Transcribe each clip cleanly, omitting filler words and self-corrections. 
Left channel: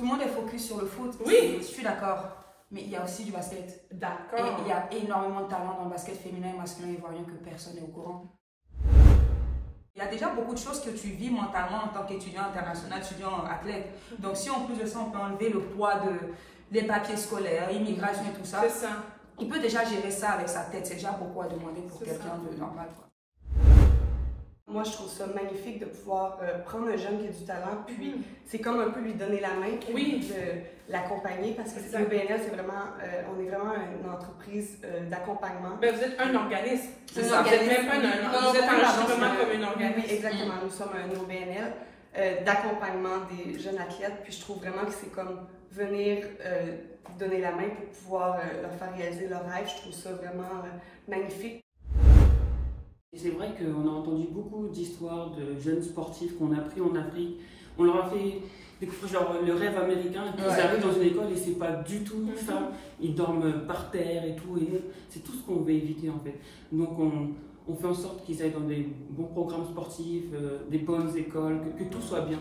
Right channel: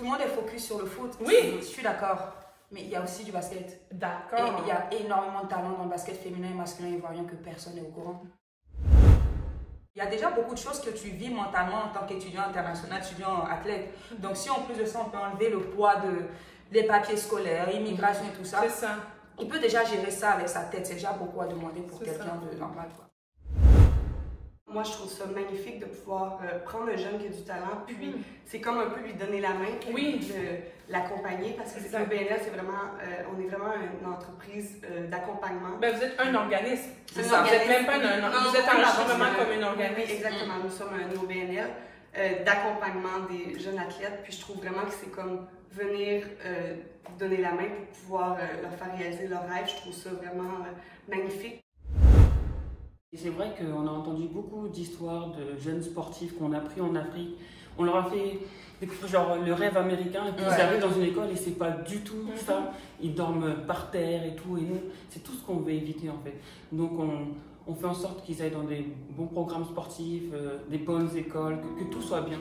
tout le monde est focus sur le foot. Oui. Je suis d'accord. Mais il y a aussi du basket. D'accord. Et il y a énormément de talent dans le basket féminin et masculin ivoirien que personne n'est au courant. Il y a déjà beaucoup de choses que tu vis mentalement en tant qu'étudiant international, étudiant athlète. Donc si en plus de ça, on peut enlever le poids des papiers scolaires, immigration et tout ça, il peut déjà gérer ça avec sa tête. C'est déjà beaucoup à demander pour quelqu'un de normal, quoi. Moi, je trouve ça magnifique de pouvoir prendre un jeune qui a du talent, puis c'est comme un peu lui donner la main, puis de l'accompagner, parce que le BNL, c'est vraiment, on est vraiment une entreprise d'accompagnement. Ben, vous êtes un organisme. C'est ça. Vous n'êtes même pas vous êtes vraiment comme un organisme. Oui, exactement. Nous sommes un OBNL d'accompagnement des jeunes athlètes, puis je trouve vraiment que c'est comme venir donner la main pour pouvoir leur faire réaliser leurs rêves. Je trouve ça vraiment magnifique. C'est vrai qu'on a entendu beaucoup d'histoires de jeunes sportifs qu'on a pris en Afrique. On leur a fait découvrir genre le rêve américain et puis ils arrivent dans une école et c'est pas du tout ça. Ils dorment par terre et tout. Et nous, c'est tout ce qu'on veut éviter en fait. Donc on fait en sorte qu'ils aillent dans des bons programmes sportifs, des bonnes écoles, que tout soit bien.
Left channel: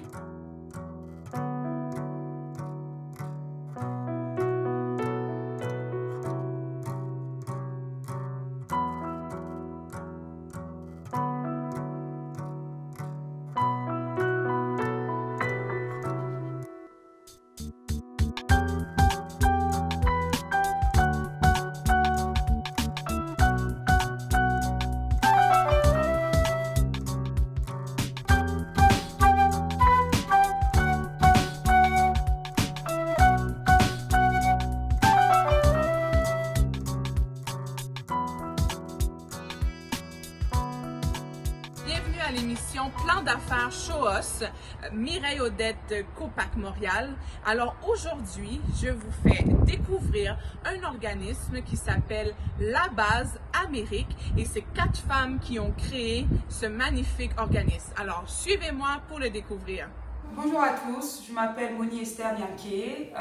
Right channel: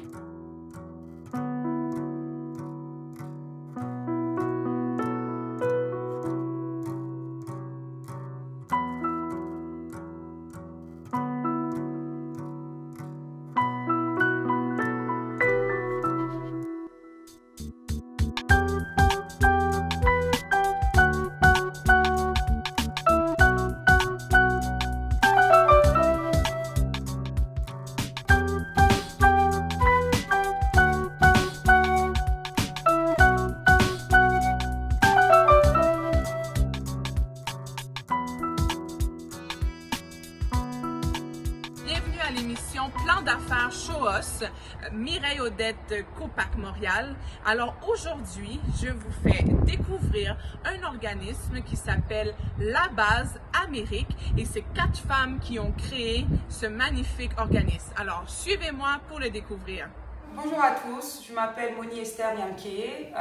Bienvenue à l'émission Plan d'affaires Shoos, Mireille Odette Copac Montréal. Alors aujourd'hui, je vous fais découvrir un organisme qui s'appelle La Base Amérique et c'est 4 femmes qui ont créé ce magnifique organisme. Alors suivez-moi pour le découvrir. Bonjour à tous, je m'appelle Moni Esther Niamké,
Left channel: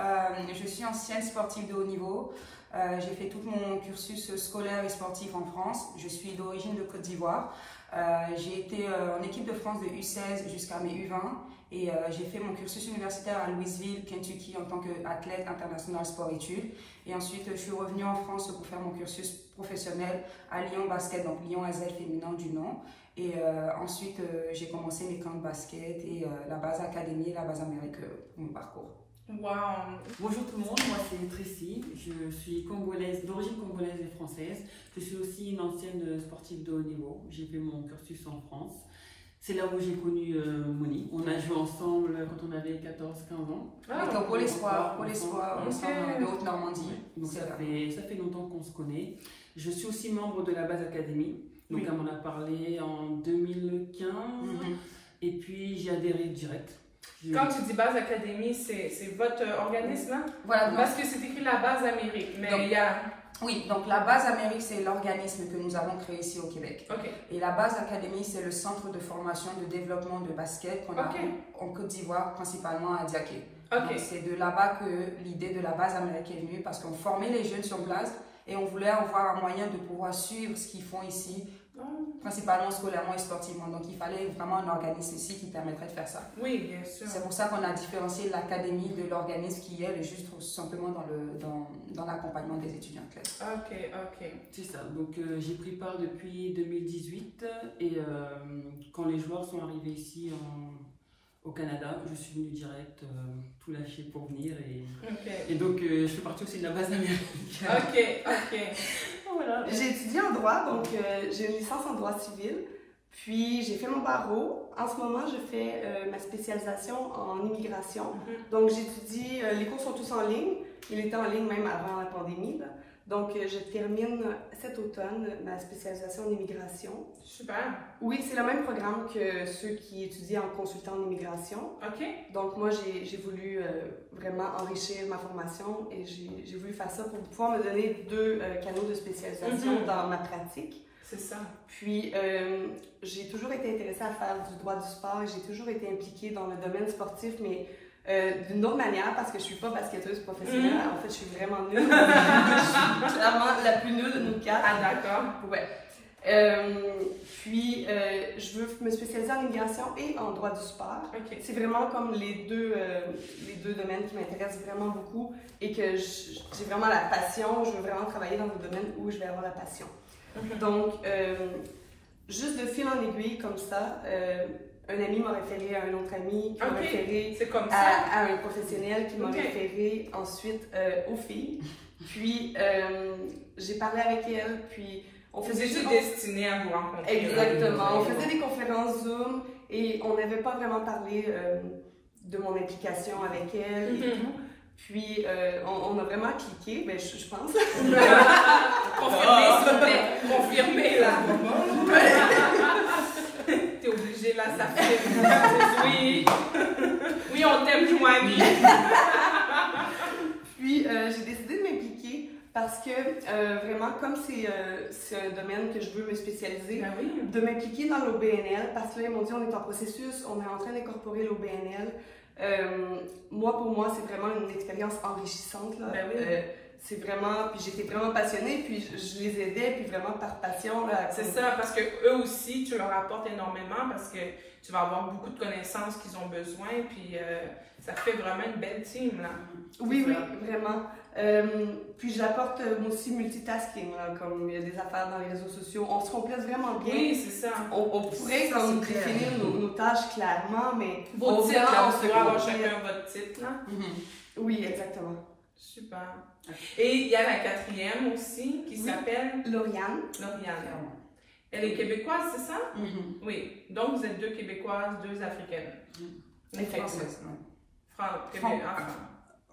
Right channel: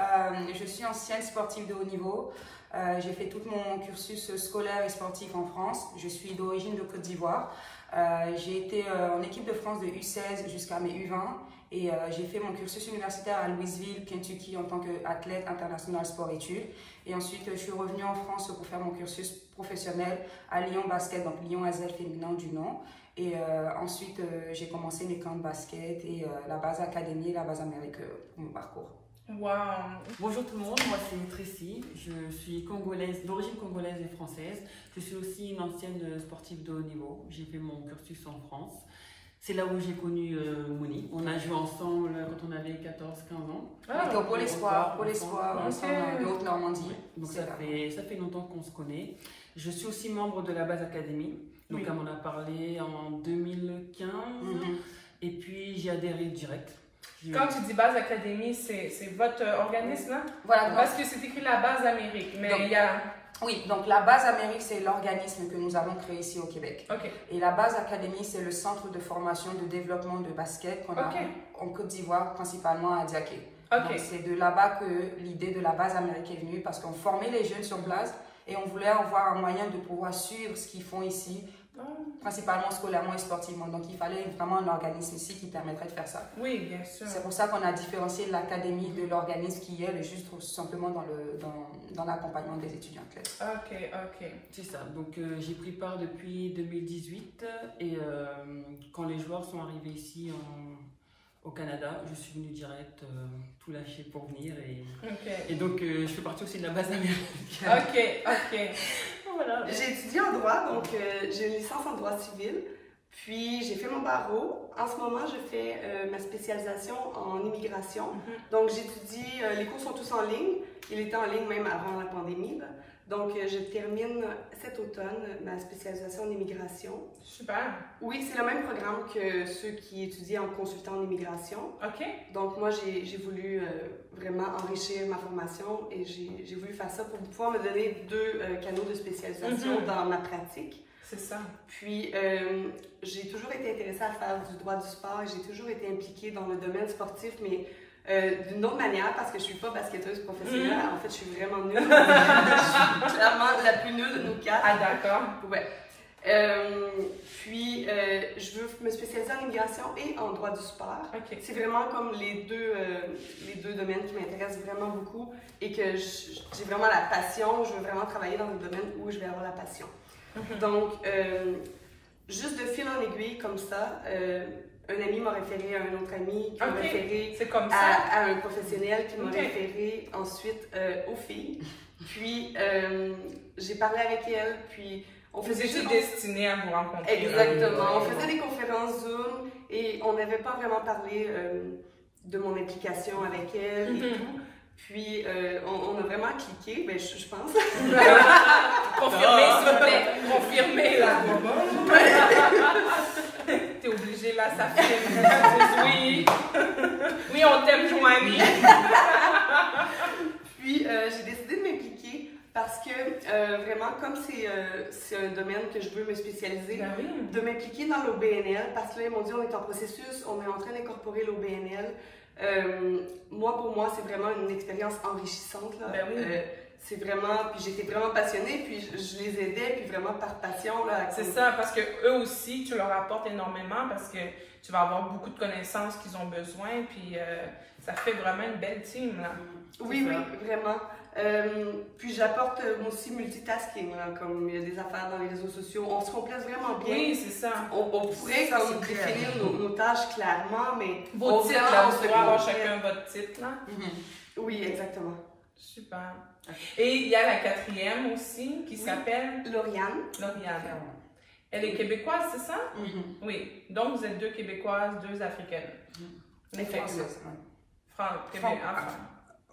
je suis ancienne sportive de haut niveau. J'ai fait tout mon cursus scolaire et sportif en France. Je suis d'origine de Côte d'Ivoire. J'ai été en équipe de France de U16 jusqu'à mes U20 et j'ai fait mon cursus universitaire à Louisville, Kentucky en tant qu'athlète international sport-études. Et ensuite, je suis revenue en France pour faire mon cursus professionnel à Lyon Basket, donc Lyon Asvel féminin du nom. Et ensuite, j'ai commencé mes camps de basket et la base académie et la base Amérique pour mon parcours. Wow. Bonjour tout le monde, moi c'est Tracy, je suis congolaise, d'origine congolaise et française. Je suis aussi une ancienne sportive de haut niveau. J'ai fait mon cursus en France. C'est là où j'ai connu Moni. On a joué ensemble quand on avait 14-15 ans. On était au Pôle Espoir, ensemble de Haute-Normandie. Donc ça fait longtemps qu'on se connaît. Je suis aussi membre de la base académie. Donc elle m'en a parlé en 2015 et puis j'ai adhéré direct. Quand tu dis Base Académie, c'est votre organisme, hein? Voilà, Parce que c'est écrit la Base Amérique, mais donc, il y a... Oui, donc la Base Amérique, c'est l'organisme que nous avons créé ici au Québec. Okay. Et la Base Académie, c'est le centre de formation de développement de basket qu'on a en Côte d'Ivoire, principalement à Diaké. Donc c'est de là-bas que l'idée de la Base Amérique est venue, parce qu'on formait les jeunes sur place et on voulait avoir un moyen de pouvoir suivre ce qu'ils font ici, principalement scolairement et sportivement. Donc il fallait vraiment un organisme ici qui permettrait de faire ça. Oui, bien sûr. C'est pour ça qu'on a différencié l'académie de l'organisme qui est juste tout simplement dans l'accompagnement des étudiants athlètes. Ok. C'est ça. Donc j'ai pris part depuis 2018 et quand les joueurs sont arrivés ici au Canada, je suis venue direct tout lâcher pour venir et donc je fais partie aussi de la base américaine. Ok. Voilà. J'ai étudié en droit, donc j'ai une licence en droit civil, puis j'ai fait mon barreau. En ce moment, je fais ma spécialisation en immigration. Donc j'étudie, les cours sont tous en ligne, il était en ligne même avant la pandémie. Là. Donc je termine cet automne ma spécialisation en immigration. Super. Oui, c'est le même programme que ceux qui étudient en consultant en immigration. Ok. Donc moi, j'ai voulu vraiment enrichir ma formation et j'ai voulu faire ça pour pouvoir me donner 2 canaux de spécialisation dans ma pratique. C'est ça. Puis j'ai toujours été intéressée à faire du droit du sport et j'ai toujours été impliquée dans le domaine sportif, mais d'une autre manière, parce que je ne suis pas basketteuse professionnelle. En fait, je suis vraiment nulle. Je suis clairement la plus nulle de nous 4. Ah, d'accord. Ouais. Puis, je veux me spécialiser en immigration et en droit du sport. Ok. C'est vraiment comme les deux domaines qui m'intéressent vraiment beaucoup et que j'ai vraiment la passion. Je veux vraiment travailler dans le domaine où je vais avoir la passion. Donc, juste de fil en aiguille comme ça, un ami m'a référé à un autre ami qui m'a référé à un professionnel qui m'a référé ensuite aux filles. Puis, j'ai parlé avec elle, puis on faisait juste destiné à vous rencontrer. Exactement. On faisait des conférences Zoom et on n'avait pas vraiment parlé de mon implication avec elle et tout. Puis, on a vraiment cliqué, ben, je pense. Confirmé, là. T'es obligé, là, ça fait. Oui. Oui, on t'aime, Joanie. Puis, j'ai décidé de m'impliquer parce que, vraiment, comme c'est un domaine que je veux me spécialiser, de m'impliquer dans l'OBNL, parce que là, ils m'ont dit, on est en processus, on est en train d'incorporer l'OBNL. Pour moi, c'est vraiment une expérience enrichissante. Là. C'est vraiment, puis j'étais vraiment passionnée, puis je les aidais, puis vraiment par passion. C'est ça, parce que eux aussi, tu leur apportes énormément, parce que tu vas avoir beaucoup de connaissances qu'ils ont besoin, puis ça fait vraiment une belle team. Là. Oui, vraiment. Puis j'apporte aussi multitasking, là, comme il y a des affaires dans les réseaux sociaux. On se complète vraiment bien. Oui, c'est ça. On pourrait définir nos tâches clairement, mais... Vos titres, là, vous devez avoir chacun votre titre, là. Oui, exactement. Super. Et il y a la quatrième aussi, qui s'appelle... Lauriane. Elle est québécoise, c'est ça? Oui. Donc, vous êtes 2 Québécoises, 2 Africaines. Les Françaises,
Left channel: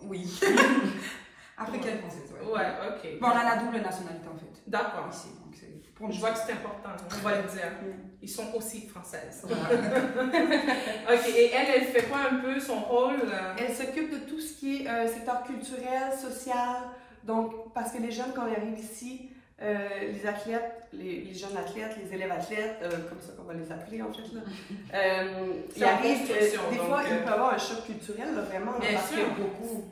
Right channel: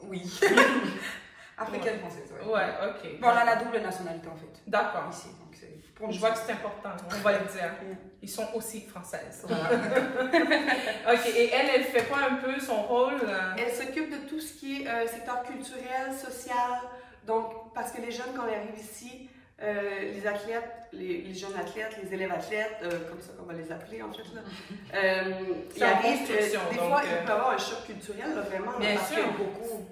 oui. Africaine française, oui. Ouais, ok. Bon, on a la double nationalité, en fait. D'accord. Ici, donc je vois que c'est important, on va le dire. Ils sont aussi françaises. Voilà. Ok, et elle fait quoi un peu son rôle? Elle s'occupe de tout ce qui est secteur culturel, social. Donc, parce que les jeunes, quand ils arrivent ici, les athlètes, les jeunes athlètes, les élèves athlètes, comme ça qu'on va les appeler en fait, ils arrivent, des fois, ils peuvent avoir un choc culturel, là, vraiment. Bien sûr, beaucoup.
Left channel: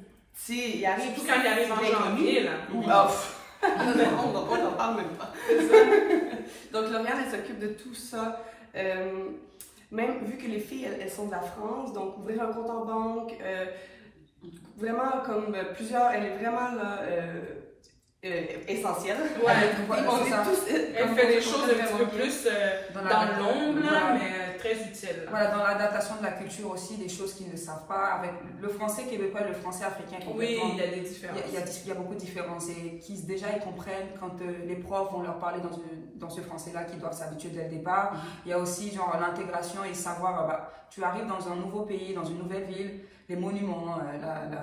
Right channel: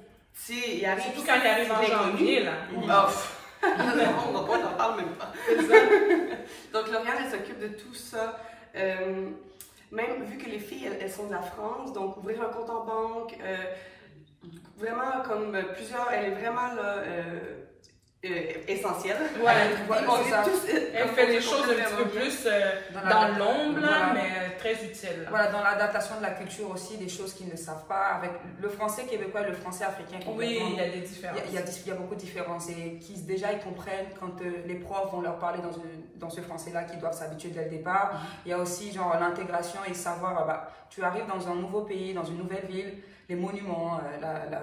Ils arrivent, surtout quand ils arrivent en janvier, là. On n'en parle même pas. Donc, Lauriane, elle s'occupe de tout ça. Même vu que les filles, elles sont de la France, donc ouvrir un compte en banque, vraiment comme plusieurs, elle est vraiment là. Essentielle. Elle fait des choses un petit peu plus dans l'ombre, mais très utiles. Voilà, dans l'adaptation de la culture aussi, des choses qu'ils ne savent pas. Avec le français québécois et le français africain complètement. Oui, il y a des différences. Il y a beaucoup de différences et qui déjà ils comprennent quand les profs vont leur parler dans ce français-là, qu'ils doivent s'habituer dès le départ. Il y a aussi genre l'intégration et savoir, tu arrives dans un nouveau pays, dans une nouvelle ville, les monuments,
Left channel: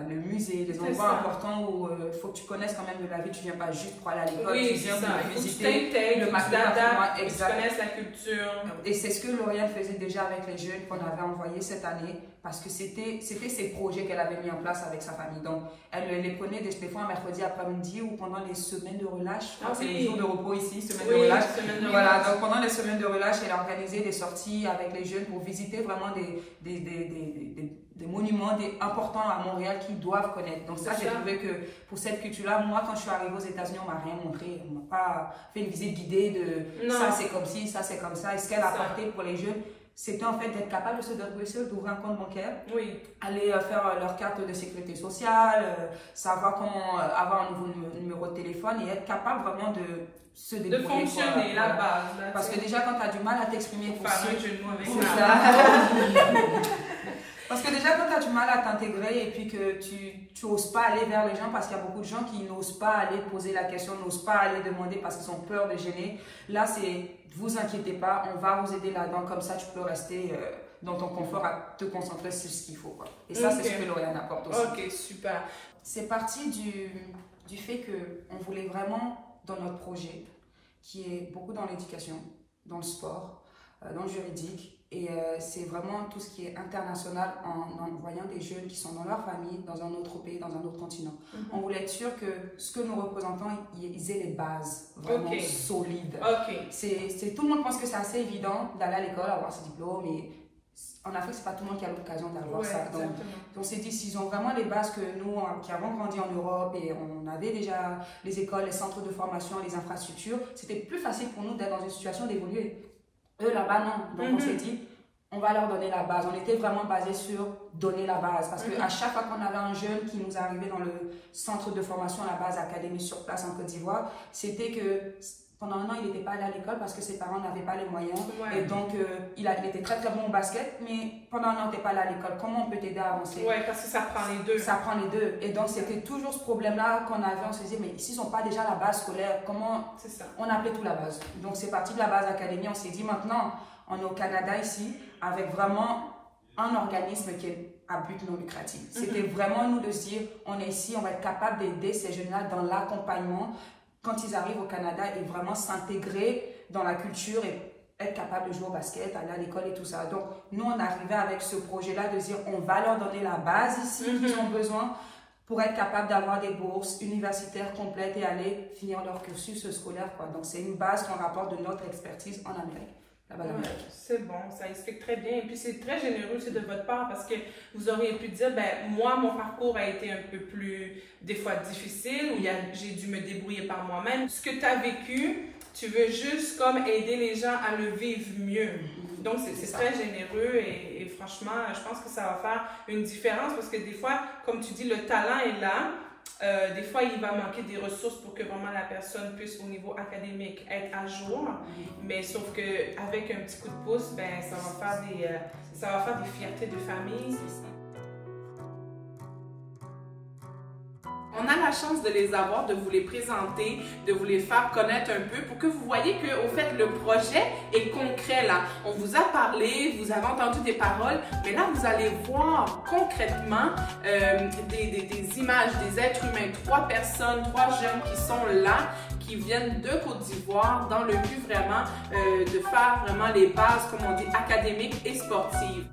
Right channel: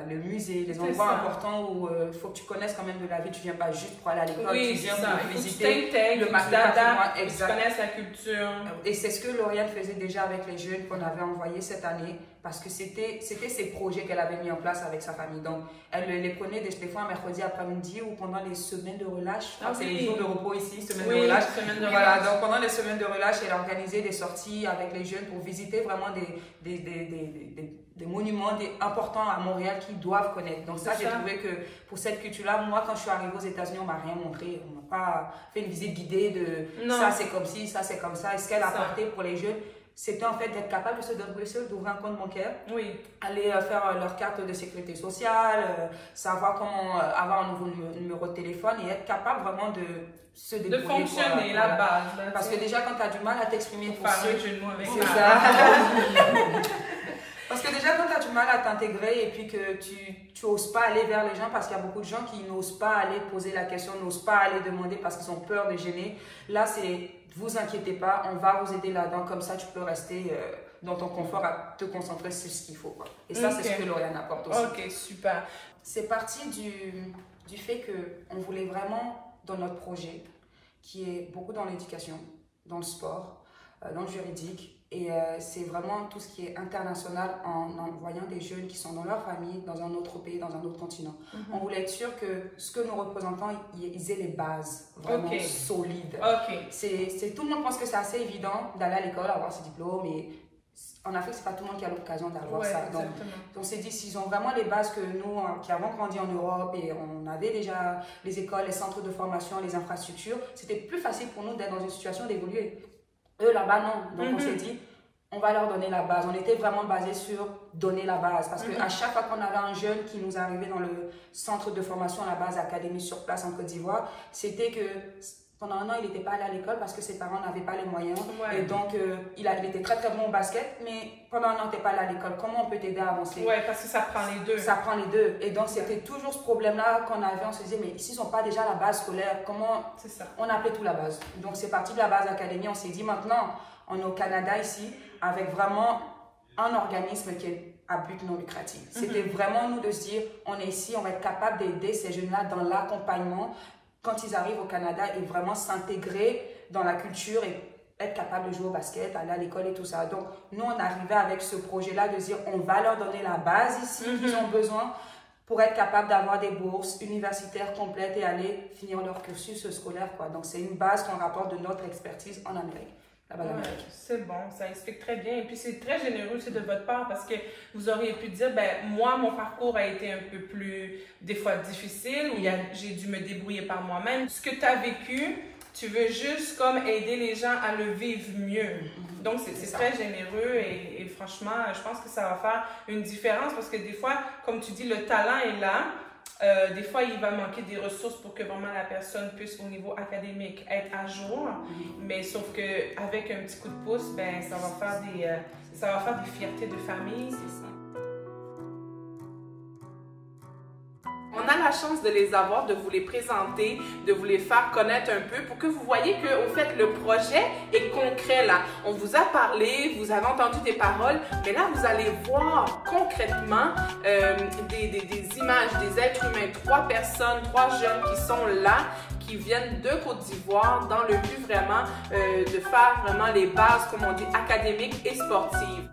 le musée, les endroits importants où il faut que tu connaisses quand même de la vie. Tu viens pas juste pour aller à l'école, tu viens pour visiter le patrimoine. Exact. Tu connaisses la culture. Et c'est ce que Lauriane faisait déjà avec les jeunes qu'on avait envoyés cette année, parce que c'était ses projets qu'elle avait mis en place avec sa famille. Donc, elle les prenait des fois un mercredi après-midi ou pendant les semaines de relâche. C'est les jours de repos ici, semaines de relâche. Voilà, donc pendant les semaines de relâche, elle organisait des sorties avec les jeunes pour visiter vraiment des monuments importants à Montréal qu'ils doivent connaître. Donc ça, j'ai trouvé que pour cette culture-là, moi, quand je suis arrivée aux États-Unis, on m'a rien montré. On m'a pas fait une visite guidée de ça, c'est comme ci, ça, c'est comme ça. Et ce qu'elle a apporté pour les jeunes, c'était en fait d'être capable de se débrouiller, d'ouvrir un compte bancaire, aller faire leur carte de sécurité sociale, savoir comment avoir un nouveau numéro de téléphone et être capable vraiment de se débrouiller. De fonctionner, la base. Parce que déjà, quand tu as du mal à t'exprimer pour ceux... C'est ça. Parce que déjà, quand tu as du mal à t'intégrer et puis que tu n'oses pas aller vers les gens, parce qu'il y a beaucoup de gens qui n'osent pas aller poser la question, n'osent pas aller demander parce qu'ils ont peur de gêner. Là, c'est vous inquiétez pas, on va vous aider là-dedans. Comme ça, tu peux rester dans ton confort à te concentrer sur ce qu'il faut, quoi. Et ça, c'est ce que Lauriane apporte aussi. Ok, super. C'est parti du fait qu'on voulait vraiment, dans notre projet, qui est beaucoup dans l'éducation, dans le sport, dans le juridique, et c'est vraiment tout ce qui est international en envoyant des jeunes qui sont dans leur famille, dans un autre pays, dans un autre continent. On voulait être sûr que ce que nous représentons, ils aient les bases vraiment solides. Tout le monde pense que c'est assez évident d'aller à l'école, avoir ses diplômes, et en Afrique, c'est pas tout le monde qui a l'occasion d'avoir ça. Donc, exactement. on s'est dit, s'ils ont vraiment les bases que nous, qui avons grandi en Europe et on avait déjà les écoles, les centres de formation, les infrastructures, c'était plus facile pour nous d'être dans une situation d'évoluer. Eux, là-bas, non. Donc, on s'est dit, on va leur donner la base. On était vraiment basé sur donner la base. Parce qu'à chaque fois qu'on avait un jeune qui nous arrivait dans le centre de formation, la base académie sur place en Côte d'Ivoire, c'était que pendant un an, il n'était pas allé à l'école parce que ses parents n'avaient pas les moyens. Et donc, il était très, très bon au basket, mais pendant un an, il n'était pas allé à l'école. Comment on peut t'aider à avancer? Oui, parce que ça prend les deux. Ça prend les deux. Et donc, c'était toujours ce problème-là qu'on avait. On se disait, mais s'ils n'ont pas déjà la base scolaire, comment on appelait tout la base? Donc, c'est parti de la base académie. On s'est dit, maintenant, on est au Canada ici, avec vraiment un organisme qui est à but non lucratif. C'était vraiment nous de se dire, on est ici, on va être capable d'aider ces jeunes-là dans l'accompagnement quand ils arrivent au Canada et vraiment s'intégrer dans la culture et être capable de jouer au basket, aller à l'école et tout ça. Donc, nous, on arrivait avec ce projet-là de dire, on va leur donner la base ici qu'ils ont besoin pour être capable d'avoir des bourses universitaires complètes et aller finir leur cursus scolaire, quoi. Donc, c'est une base qu'on rapporte de notre expertise en Amérique. C'est bon, ça explique très bien. Et puis, c'est très généreux aussi de votre part parce que vous auriez pu dire, ben moi, mon parcours a été un peu plus, des fois, difficile, où j'ai dû me débrouiller par moi-même. Ce que tu as vécu, tu veux juste comme aider les gens à le vivre mieux. Donc, c'est très généreux et franchement, je pense que ça va faire une différence parce que des fois, comme tu dis, le talent est là. Des fois, il va manquer des ressources pour que vraiment la personne puisse, au niveau académique, être à jour. Mais sauf qu'avec un petit coup de pouce, ben, ça va faire des fiertés de famille. On a la chance de les avoir, de vous les présenter, de vous les faire connaître un peu pour que vous voyez que, au fait, le projet est concret là. On vous a parlé, vous avez entendu des paroles, mais là, vous allez voir concrètement des images, des êtres humains, 3 personnes, 3 jeunes qui sont là, qui viennent de Côte d'Ivoire dans le but vraiment de faire vraiment les bases, comme on dit, académiques et sportives.